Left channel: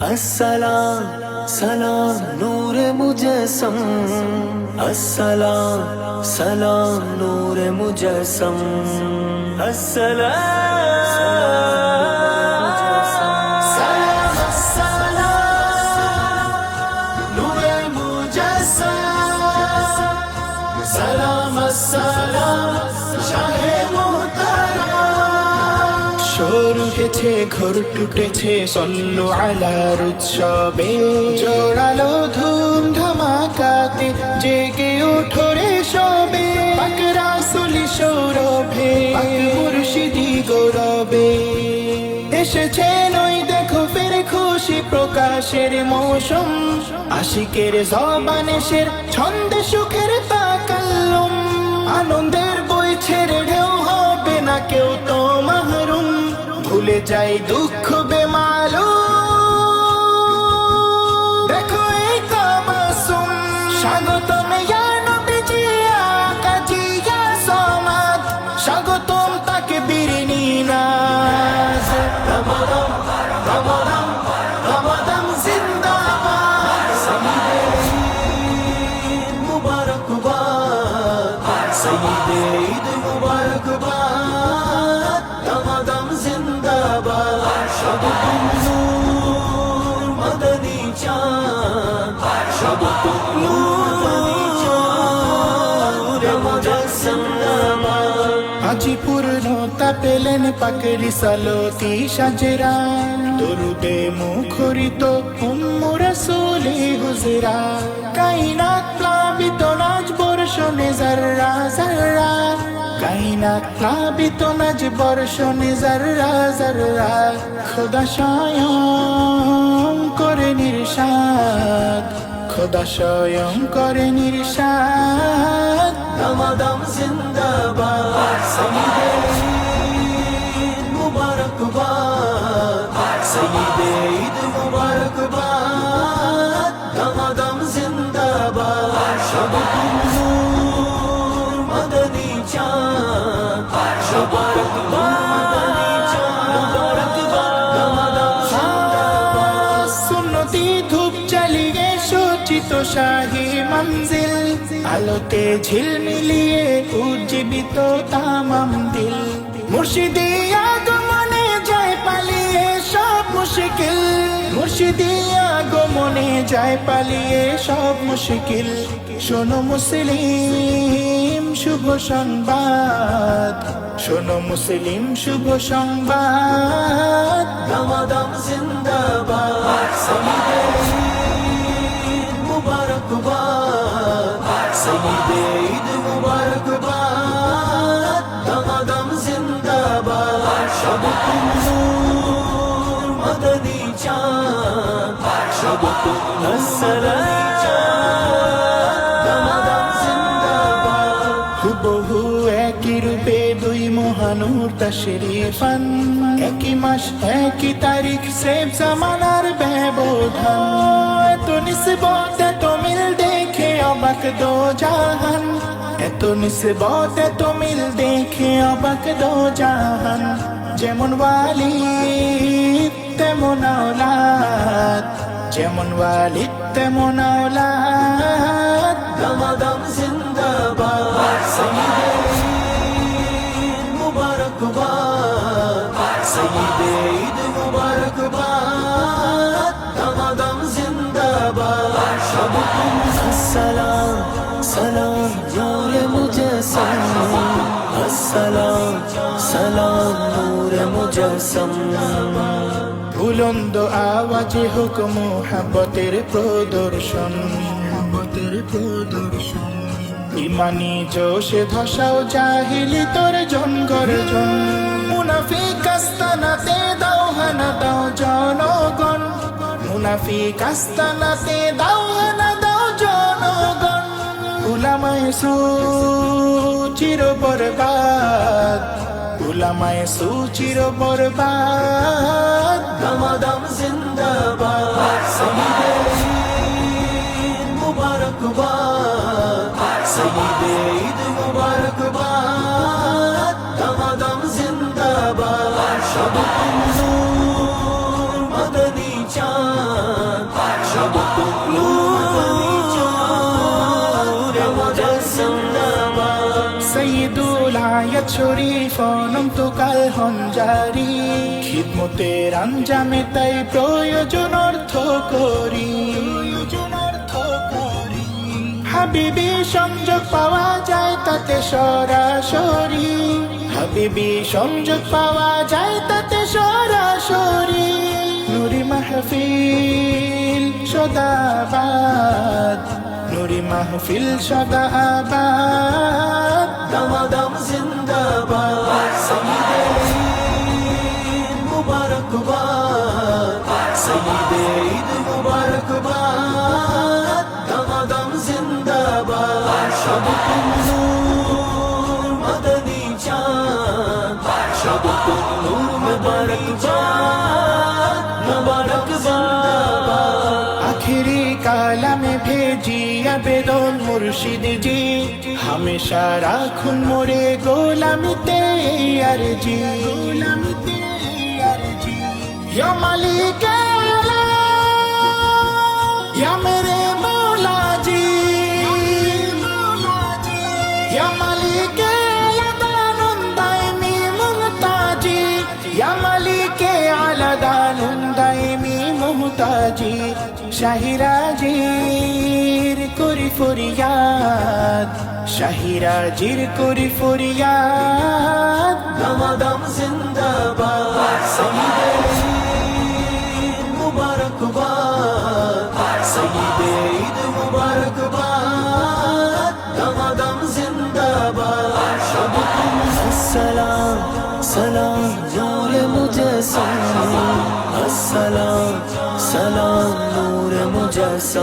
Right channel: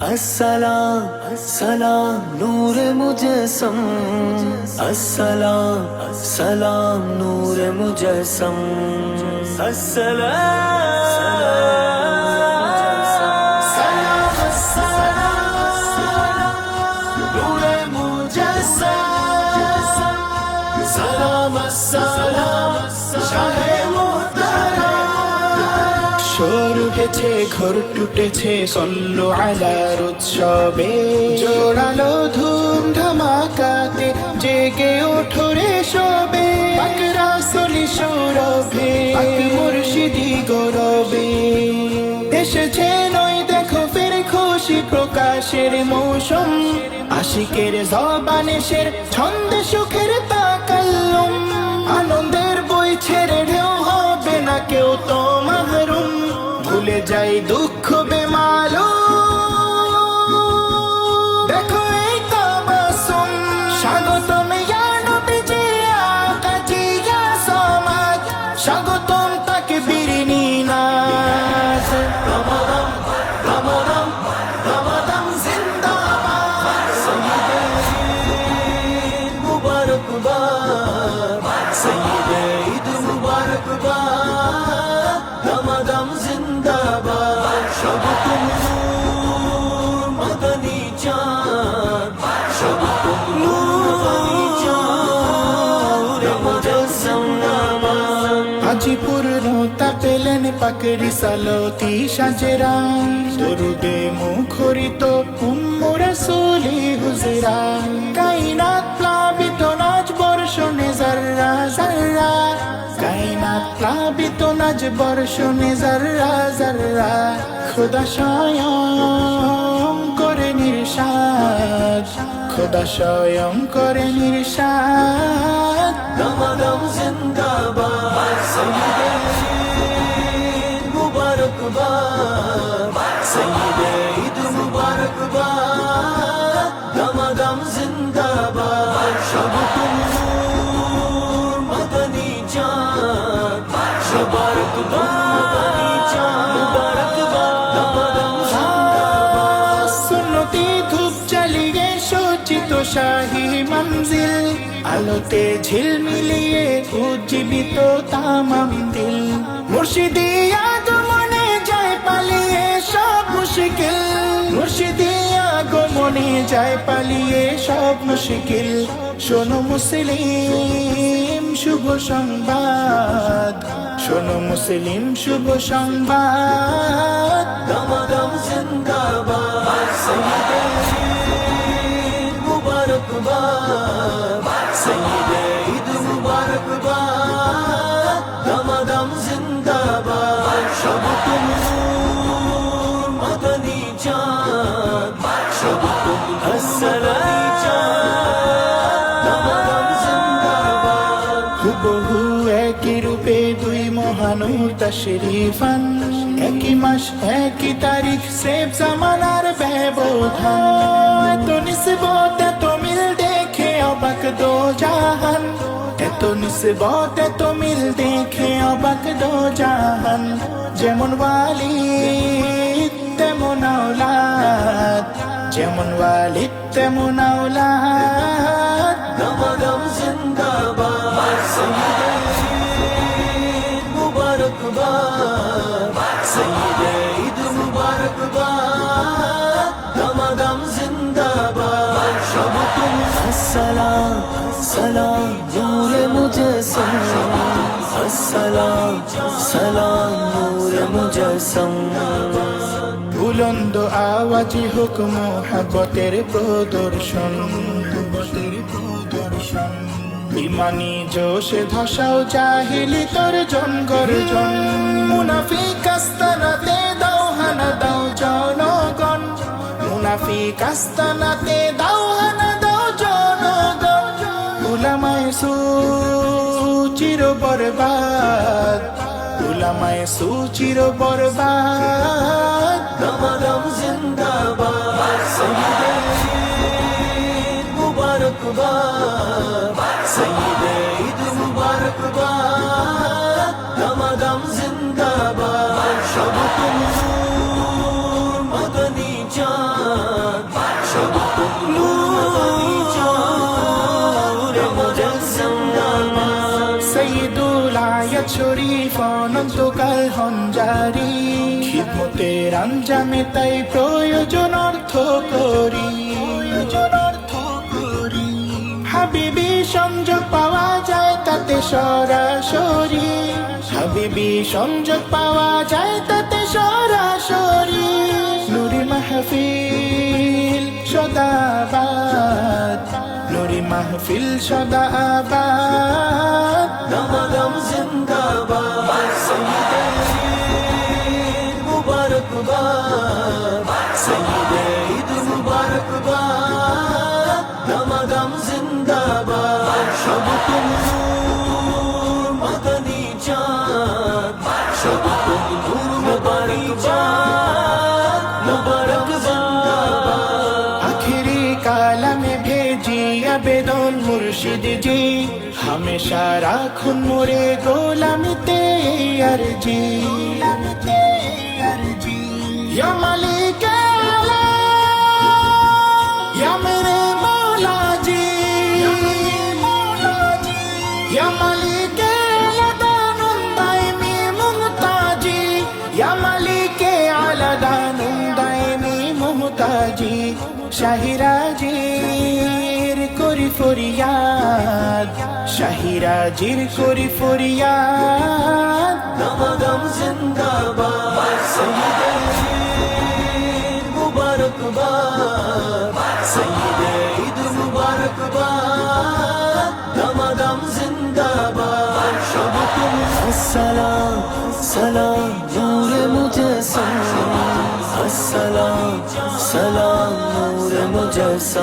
अस्सलाम सलाम नूर मुजस्सम अस्सलाम सलाम नूर मुजस्सम अस्सलाम सलाम ঘর টুটেছে, সল্লু আলার উৎসবে। জোড়ালো ধুম ধামাকাতে জেগে ওঠরে সবে। পাকরা সলি সৌরভে মুর্শিদি গৌরবে। এসেছে নই দেখো ফের খুশি প্রকাশের মৌসুম। আশিকের জবানেশের ছন্দে সুখের তাকাল্লুম আনন্দের বই ছেড়ে ঢেউ হবে না কেউ তো মাহরুম। ভুলে যাই দুঃখ বেমালু হাজিপুর নোতা পেলেন পাকড়ি সালতি সাজেরা দরুদে মুখরিত উম্মুরা সোলি হুজেরা কাইনাত প্লাবিত নাচ বর্ষণে জাররা জাররা কাইনাত প্লাবিত নাজ বর্ষণে জাররা জাররা খোদা স্বয়ং করে নির্সাদ খোদা স্বয়ং করে নির্সাদ দমদম মুবারকবাদ ধূপ চালিয়ে সচিত শাহী মঞ্জিল আলোতে ঝিলমিলিয়ে উজ্জীবিত তামাম দিল মুর্শিদি আগমনে যায় পালিয়ে সব মুশকিল মুর্শিদি আগমনে যায় পালিয়ে সব মুশকিল শোনো মুসলিম শুভ সংবাদ শোনো মুসলিম শুভ সংবাদ দমদম জিন্দাবাদ السلام هبه একই রূপে দুই মহানুর শরীফান। একই মাস, একই তারিখ সেব জামানার ব্যবধান। এত নিসবত, এত মিল দেখে অবাক দো জাহান। এত নিসবত, এত মিল দেখে অবাক দো জাহান। যেমন ওয়ালি তেমন আওলাদ। যেমন ওয়ালিদ, তেমন আওলাদ। দম জিন্দাবাদ। السلام سلام نور مجسم السلام سلام نور مجسم বুলন্দ আওয়াজে হোক মোহাব্বতের প্রদর্শন। মোহাব্বতের প্রদর্শন। ইমানি জোশে ধসাও জাহিলি তোর জন মুনাফি কাস্তানাতে দাও হানা দাও জনগণ। মুনাফি কাস্তানাতে দাও হানা দাও সু চির বরবাদ উলামায় সু চির বরবাদ। দমাদম জিন্দাবাদ মুবারকবাদ ঈদ মুবারকবাদ দমাদম জিন্দাবাদ। শরীফ, অনন্তকাল হঞ্জারি। খিদমতের আঞ্জামে তাই প্রয়োজন অর্থ প্রয়োজন অর্থ করি। হাবিবি সংযোগ পাওয়া যায় তাতে সরাসরি। হাবিবি সংযোগ পাওয়া যায় তাতে সরাসরি। নুরি মাহফিল সদাবাদ। নুরি মাহফিল সদাবাদ। মদনী চাঁদ মুবারকবাদ মুবারকবাদ আখেরি কালামে ভেজি আবেদন মুর্শিদ জি হামেশা রাখুন মোরে গোলামিতে আর জি গোলামিতে আর জি ইয়া হাজির শাহিরাজির করি ফরিয়াদ শাহিরাজির করি ফরিয়াদ। দমাদম জিন্দাবাদ মুবারকবাদ সঈদে ঈদ মুবারকবাদ দমাদম সালাম সালাম নূর মুজে अस् मुजस